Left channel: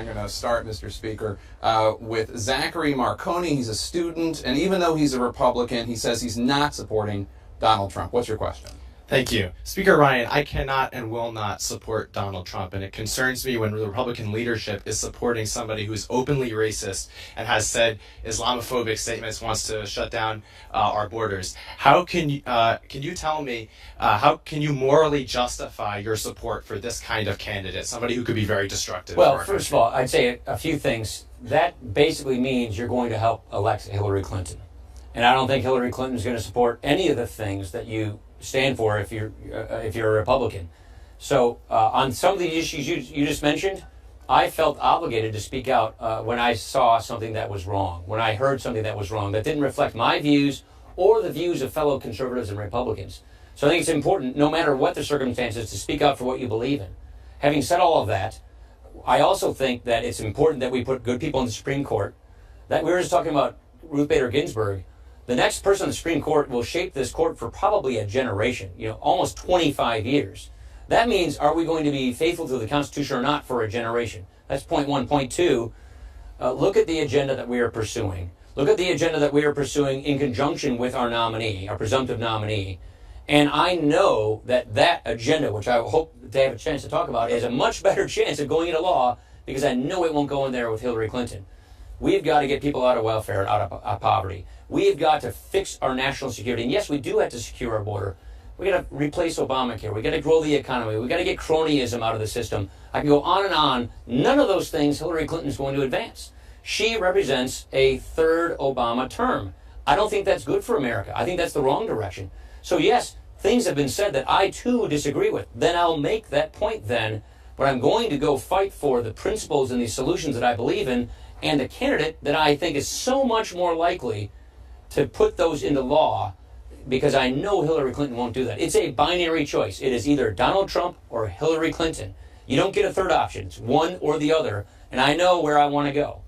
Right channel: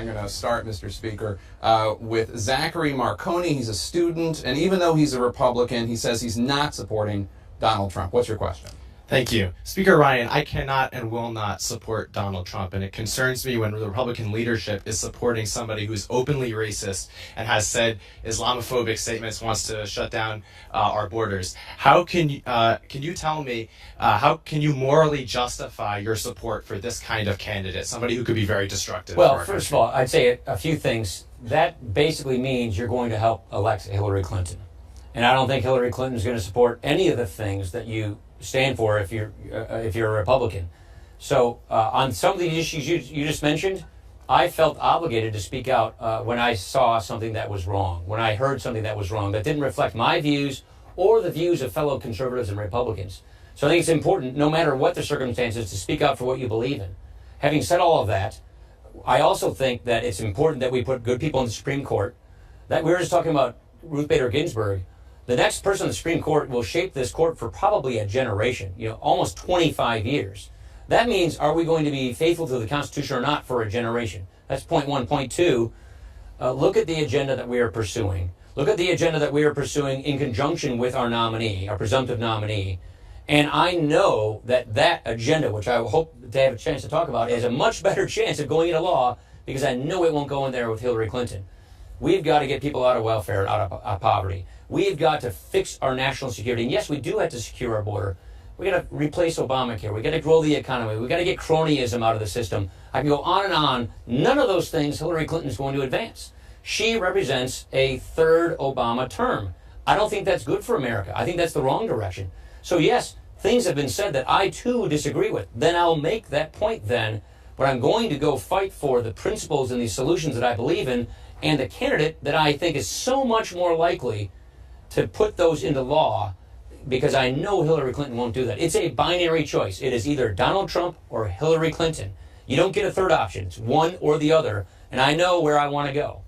I'm going to start, Mr. Speaker, with Zachary Marconi. He's a student, and even though he's a Republican, he says he's not supporting Donald Trump. What's your question? Thank you. Speaker Ryan, I cannot and will not support Donald Trump, and it concerns me when the Republican leadership is supporting somebody who's openly racist and has said Islamophobic statements, wants to shut down our borders. How can you tell me, how can you morally justify your support for this kind of candidate, somebody who could be very destructive? Well, first of all, I'd say a few things. That basically means you're going to help elect Hillary Clinton. And I don't think Hillary Clinton is going to support any of the things that you stand for if you're a Republican. So on some of the issues you just mentioned, I felt obligated to speak out when I saw something that was wrong, when I heard something that was wrong, that didn't reflect my views or the views of fellow conservatives and Republicans. So I think it's important, no matter what the circumstances, to speak out for what you believe in. Having said all of that, I also think that it's important that we put good people in the Supreme Court. That we were just talking about Ruth Bader Ginsburg. The next person on the Supreme Court will shape this court for probably a generation, almost 25 years. That means, are we going to be faithful to the Constitution or not for a generation? That's point one. Point two, look at the agenda that we are pursuing. Look at the agenda that we are pursuing in conjunction with our nominee, our presumptive nominee. And I know that agenda, which I hope to have a chance to talk about, is a much better chance of going into law because I know it won't go in there with Hillary Clinton. We've got to get people out of welfare, out of poverty. We've got to fix our national security. And yes, we do have to secure our border. We got to replace Obamacare. We got to grow the economy. We got to get cronyism out of the system. I can go on and on. None of those things Hillary Clinton is going to advance. She represents a third Obama term. I don't think that's good for America. I think that's the wrong direction. So yes, things have been said that I too disagree with. Then I'll make that point then. But I'm going to go fight for the principles and the solutions that I believe in and the candidate that I think is so much more likely to put those into law, because I know Hillary Clinton won't do that. It's a binary choice. It is either Donald Trump or Hillary Clinton. You don't get a third option. It's one or the other, and I know where I want to go.